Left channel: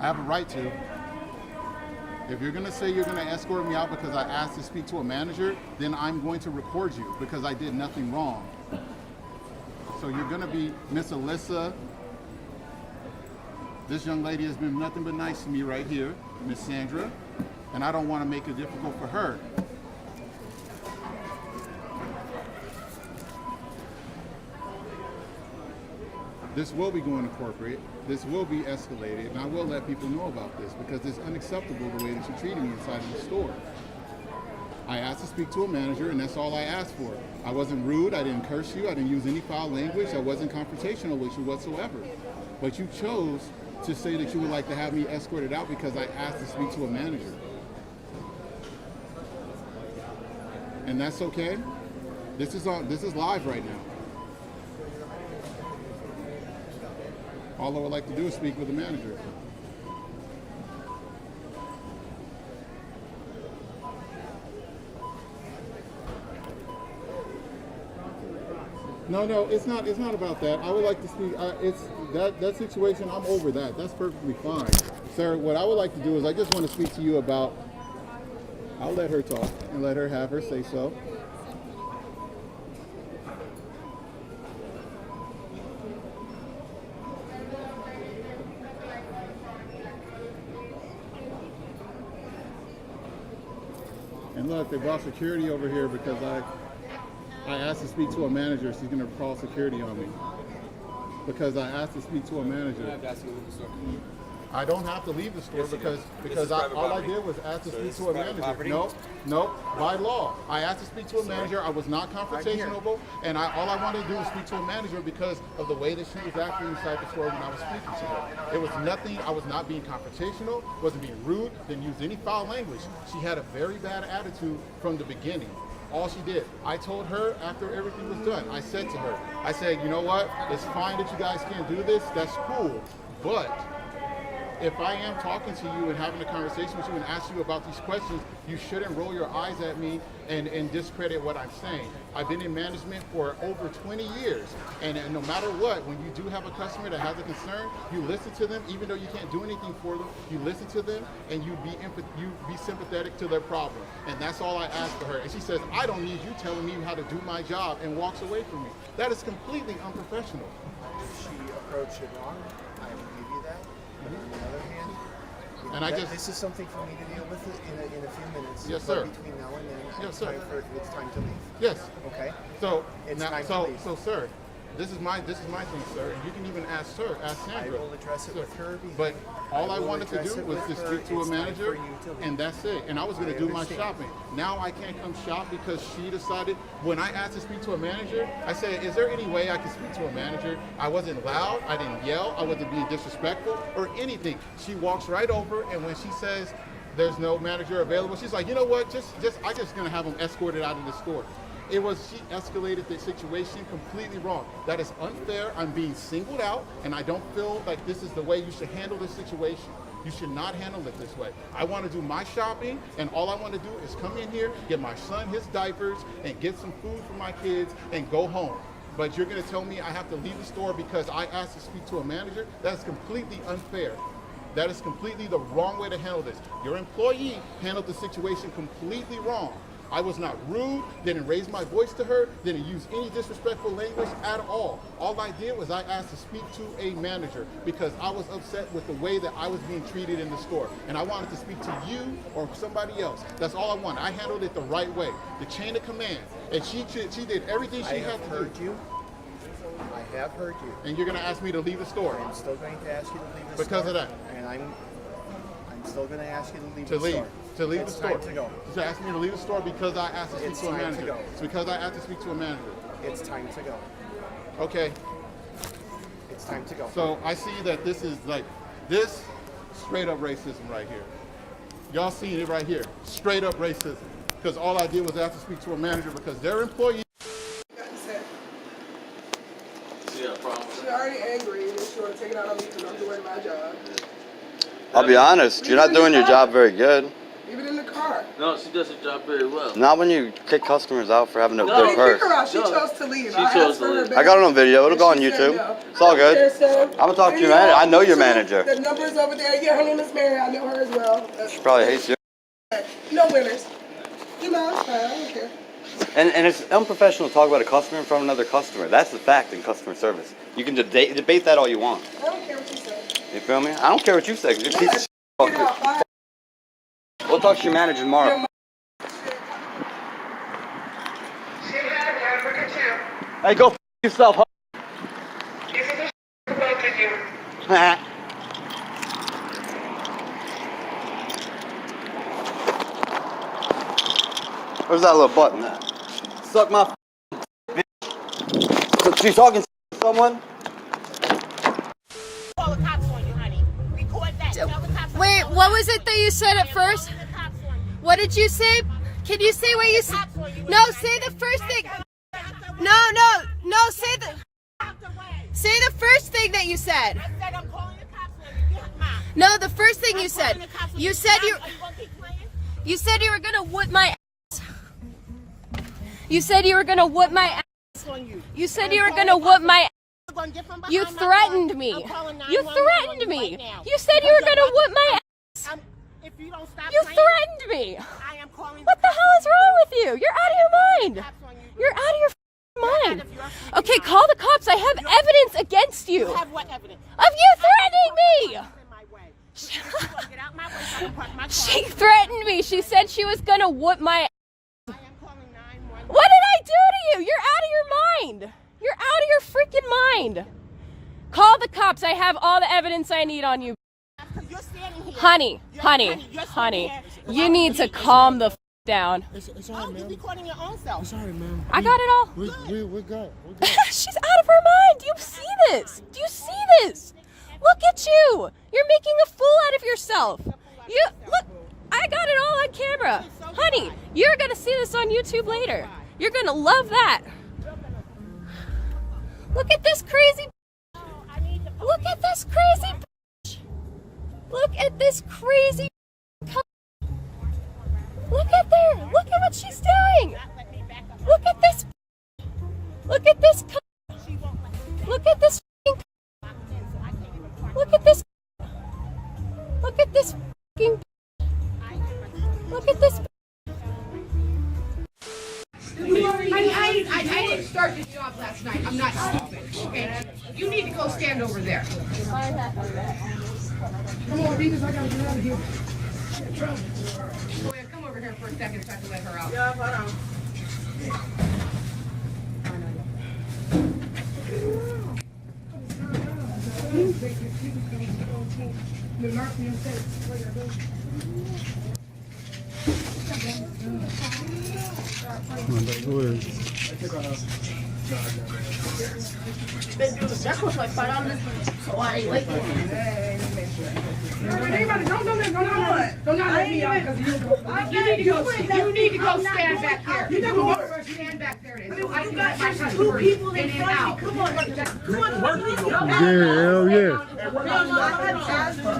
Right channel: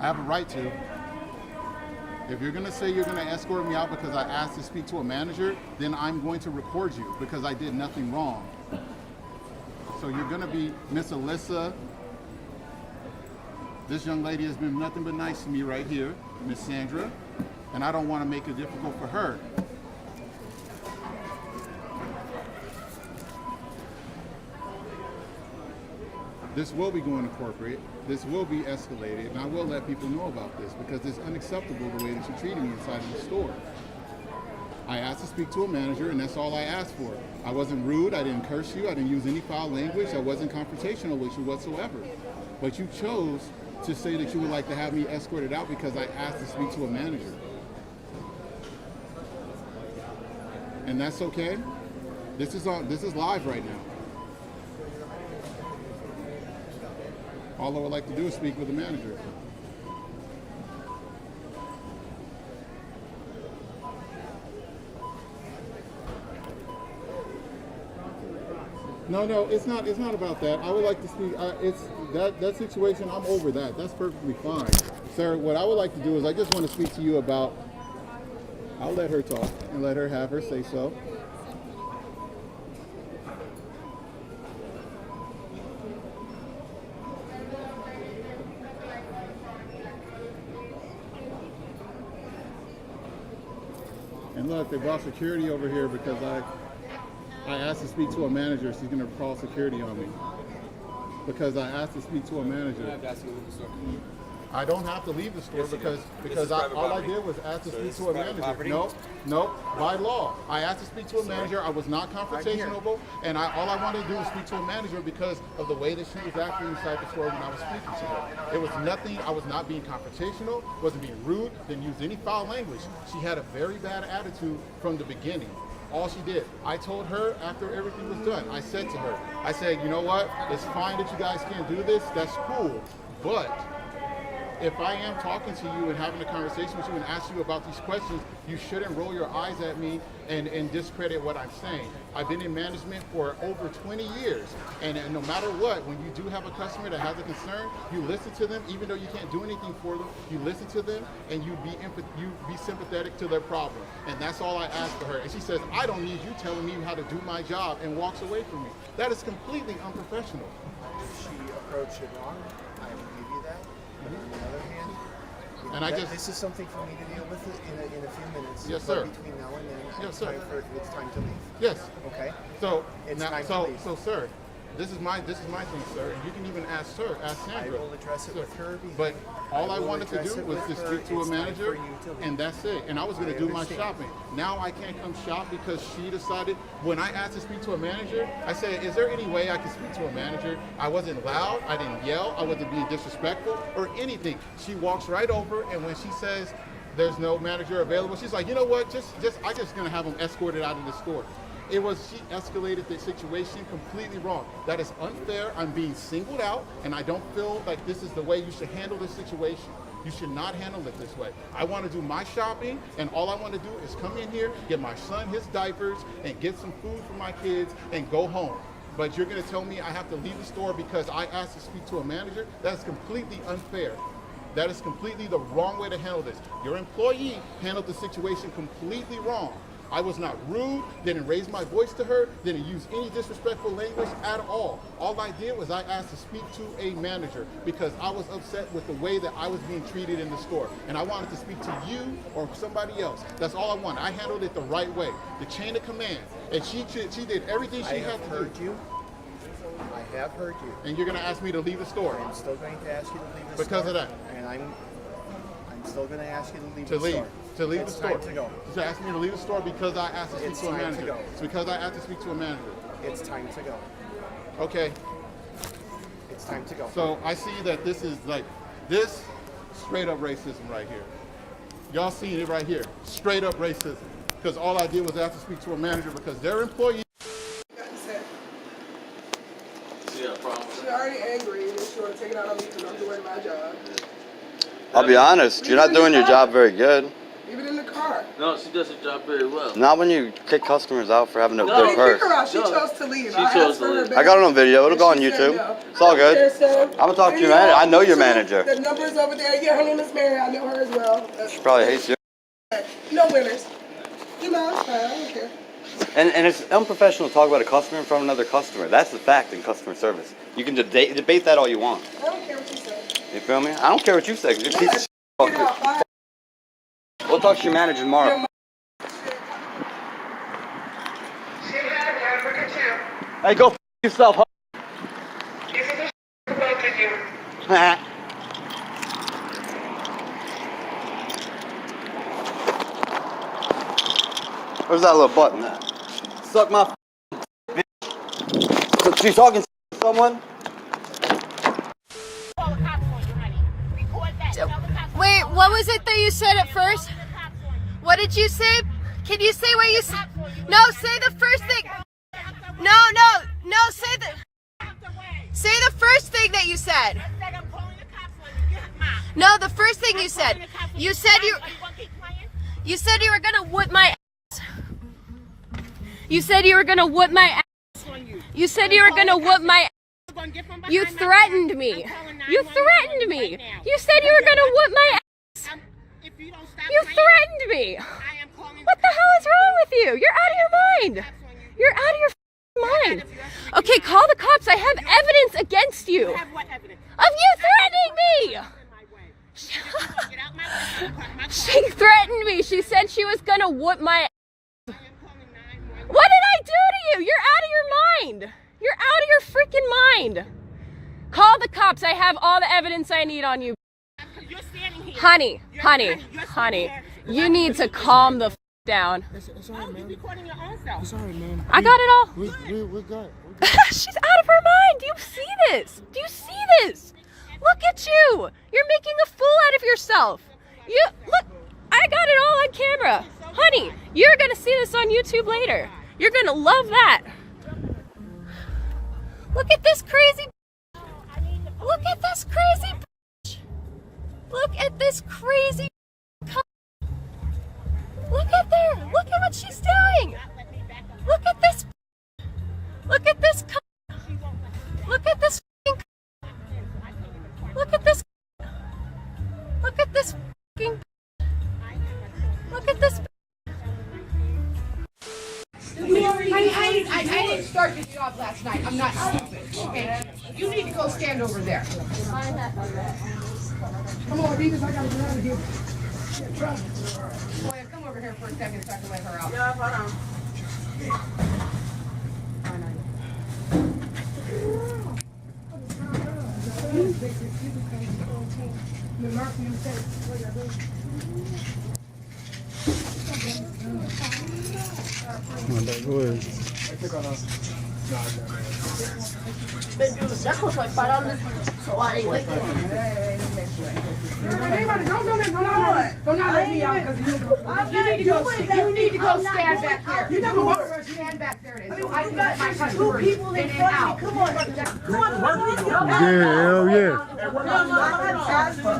I have a right to. If you're going to say you're going to escort me out because I asked to speak to a manager, then I'm going to record you because I did nothing wrong. So you're going to be Miss Alyssa. This young lady has been nothing but nice to me right here, Miss Sandra, and I don't want to make it difficult for her. This will be going to corporate, this will be escalated, and I will let people know about this because it's unacceptable the way that you're treating me inside of the store. I asked to speak to a manager, and that's all I asked for. I wasn't rude, I didn't curse you, I didn't use any foul language, I wasn't confrontational with you whatsoever. But you chose to say that you would like to have me escorted out because I asked to speak to a manager. And that's okay? This is live right now. All I would like to do is speak with the manager. No, it's not about that. I would like to speak. It's that situation. I'm over that. That's perfectly fine, sir. What I would like to do is I just want to speak to you about. I'll let her talk and let her have her say so. And look, they brought security over here because I asked to speak to a manager. She's going to call security on me because I asked to speak to a manager. I don't have to leave the store because all I did was ask to speak to a manager. No, by law. I asked to speak to a manager. I was not confrontational, and all I wanted to do was speak to a manager because of the way that she was acting inside the store when I was speaking to her. It was nothing. I was not being confrontational, wasn't being rude, didn't use any foul language. She had a very bad attitude from the beginning. All she did. I told her after everything was done, I said to her, I said, you know what? It's fine that you guys can't do this. That's cool. But if I am talking to you and having a conversation with you and ask you about these questions, you shouldn't roll your eyes at me and discredit what I'm saying. I've been in management for over 20 years, and no matter what, when you do have a customer that has a concern, you listen to them, even though you can't do anything for them, you listen to them and you be sympathetic to their problem. And that's all I asked for her. And she says, I don't need you telling me how to do my job, and walks away from me. That is completely unprofessional. She approached it wrong. I will give you that. But on the other hand, this is something for me to deal with in a few minutes. Yes, sir. Between now and then, yes, sir. It's time to leave. Yes. Okay. So it's now, time to leave. So, sir, this is my thing, sir. And you can even ask Sandra. I will address it with her. But all I wanted to do was to speak to a manager, and that's it. And I was going to do my shopping. Now I can't come shop because she decided. When I asked to speak to a manager, I said, is there any way I can speak to a manager? I wasn't loud, I didn't yell, I wasn't being disrespectful or anything. She walks right over, and when she says there's no manager available, she's like, you know what, I'm just going to have them escorted out of the store. She escalated the situation completely wrong. That is unfair. I'm being singled out, and I don't feel like this is the way you should handle this situation. You should not handle it this way. I want to do my shopping, and all I want to do is come in here, get my son his diapers, and get some food for my kids, and go home. But you're going to tell me I have to leave the store because I asked to speak to a manager? That's completely unfair. That is completely the wrong way to handle this. Your employee handled the situation completely wrong. I was not rude, didn't raise my voice to her, didn't use any disrespectful language at all. All I did was I asked to speak to a manager because I was upset with the way that I was being treated in the store. And I wanted to speak to you or somebody else. That's all I wanted. I handled it the right way, the chain of command. And she did everything she had to do. I have heard you. I have heard you. And you're going to ask me to leave the store? I'm still going to ask you to leave the store. Because of that? And I'm still going to ask you to leave the store. To leave the store. It's time to go. To ask me to leave the store because I asked to speak to a manager. To go. It's because I asked to speak to a manager. It's time to go. Okay. It's time to go. So I see that this is this straight up racism right here. Y'all seen it right here. Straight up racism. Because all I did was ask to speak to a manager because their employee. She already angry and she want to take it out on me because I'm doing my job. I'll be honest, you're not doing your job very good. Even in the car. car. No, she does her job very well. Not when you kick customers out for having a No. good purse. Kick her out. She No. chose to leave. She I chose asked to for her leave. back. I got it on video. It'll go on She said YouTube. no. It's all I don't good. care, Sam. I'm gonna talk to your Video manager. I know on your YouTube. manager. The number's over there. Yeah, her name is Mary. I know her as well. She probably hates you. No winners. You know, it's fine. I don't care. And it's unprofessional to talk about a customer in front of another customer. That's the fact in customer service. You can debate that all you want. I don't care what you say. You feel me? I don't care what you say. 'Cause you're a piece of shit. Fuck Get you. out. Bye. We'll talk to your manager tomorrow. Hey, go f yourself. Huh? Where's that little button at? Suck my bitch. So she's talking to someone? Call the cops on you, honey. Record that. Tell the cops on Wait, you. what was it that you said at first? Call the cops on you. What did you say? Can you say what you said? Cops on you. No, say the first thing. No, say the first thing that you said. I said I'm calling the cops on you. Get mine. No, the first thing you said. You said you gonna keep playing? you said you were gonna whoop my ass. You said you were gonna whoop my ass. On you. You said you were gonna whoop my I'm gonna get from behind You my threatened car. me. I'm calling You 911 threatened me. right now. You said you were gonna whoop my ass. If you don't stop You playing, threatened me. I am calling What the hell is wrong with you? You're out of your mind. cops on you. You're out of your mind. Okay, call the cops. I have evidence against you. You have what evidence? Of you threatening me! In my way. If you don't get out my way, I'll park my car. She threatened me. She said she was gonna whoop my. I am calling 911. What did I do to you? You're out of your mind. You're out of your freaking mind. Call the cops. I have all the evidence I need on you. You're standing here. Honey, You're honey, standing here. you need to calm the down. It's all Oh, right, you're man. recording your own self. It's all right, man. I got it all. We're good. We're good. She's out of her mind. Do you see this? Do you see this? Look at you. You're making a fool out of yourself. You look. I got it all on camera. Honey, you're going to see this on YouTube later. You're going to love that. Look at this crazy. Look at this crazy. Look at this crazy. Look at there. Look at what she's doing. Look at this. Look at this. Look at this. Look at this. Look at this. Look at this. I didn't start this off last night. I'm not stupid. Okay? You need to go stand over there. Come on, Venus, I got to grab you. Oh, yeah, come over here for a second so I can let her out. Yeah, hold on. You need to go stand back there. You know what? Stand back there. There's two people in front of me. Come on. Yeah.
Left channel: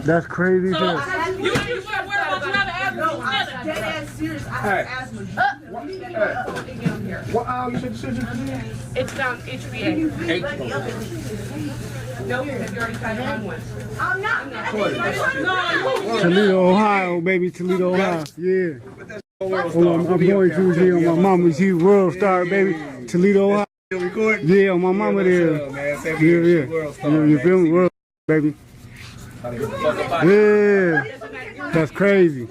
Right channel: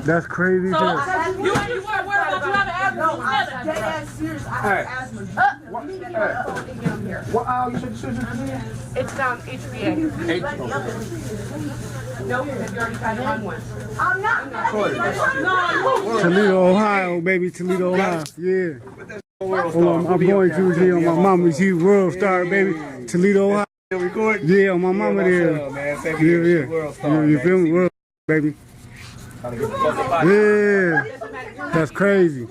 That's crazy. It's HB. No, because you already tried to run one. Toledo, Ohio, baby. Toledo, Ohio. Yeah. My mama's here, world star, baby. Toledo, Ohio. Yeah, my mama there. Yeah. You feel me? World, baby. Yeah. That's crazy.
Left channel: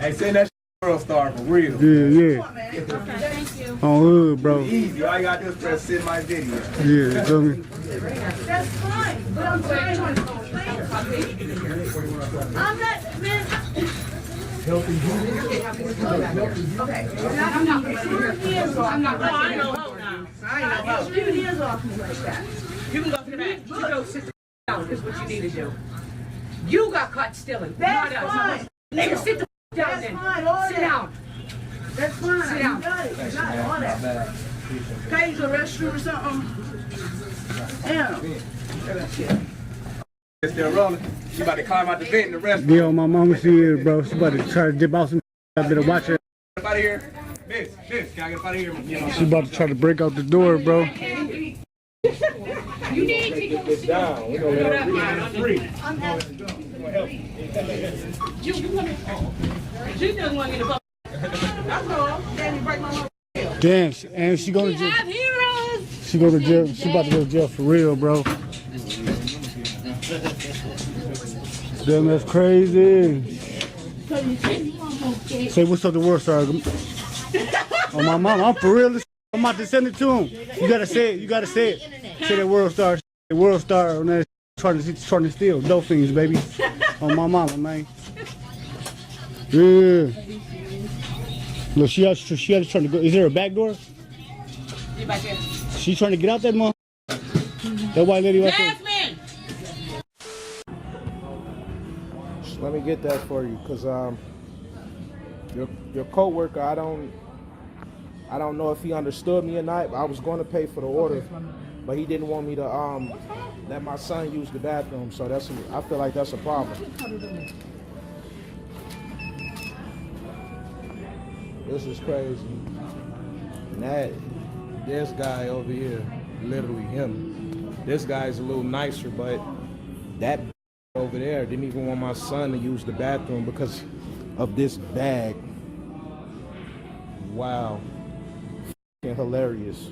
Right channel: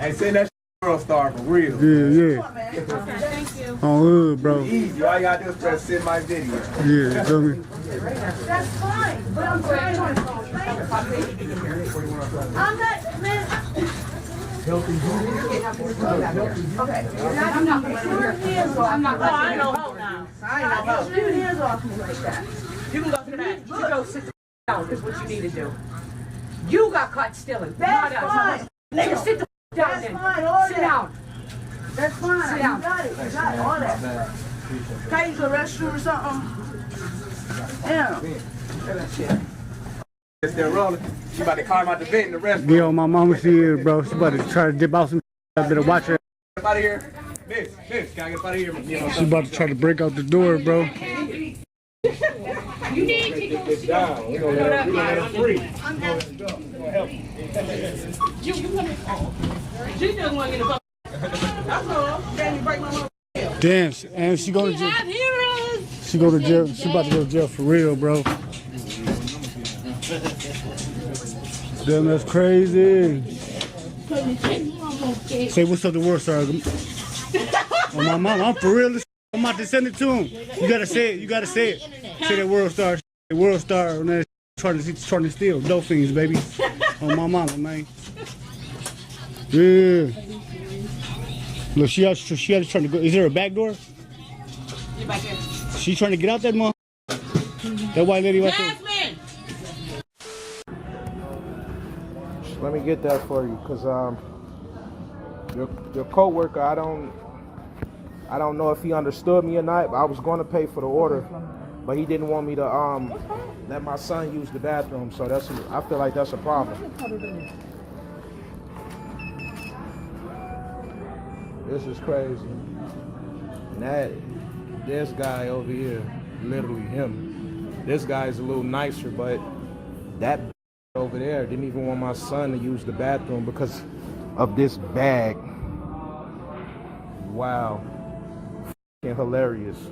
Hey, say that world star for real. Yeah. On hood, bro. Easy. All I gotta do is press send my video. Yeah, you feel me? That's fine. But I'm trying to I'm not, man. Okay. I'm not going to I'm not going to I know. Get your hands off me like that. You can go to the back. You go sit down is what you need to do. You got caught stealing. That's fine. Nigga, sit the down then. Sit down. That's fine. Sit down. Got all that. Guy use a restroom or something. Damn. It's still rolling. She about to climb out the bed and the rest. Yo, my mama's here, bro. She about to try to dip out some I'm gonna watch her. Get out of here. Miss, can I get out of here? She's about to try to break out the door, bro. You need to go Good job. We're gonna let her free. She just want to get a that's all. Damn, and she going to jail. She going to jail. She about to go to jail for real, bro. Damn, that's crazy. Say what's up to World Star. Oh, my mom, I'm for real. I'm about to send it to him. You gotta say it. You gotta say it. Say that World Star. The World Star on that trying to steal dope fiends, baby. On my mama, man. Yeah. Look, she out trying to go. Is there a back door? She trying to get out that mom. That white lady right Let me get that for you, cause your coworker, I don't know if he understood me or not. But I was going to pay for the order, but he didn't want me to let my son use the bathroom. So I feel like that's a problem. This is crazy. And this guy over here, literally him. This guy's a little nicer, but that over there didn't even want my son to use the bathroom because of this bag. Wow. F***ing hilarious.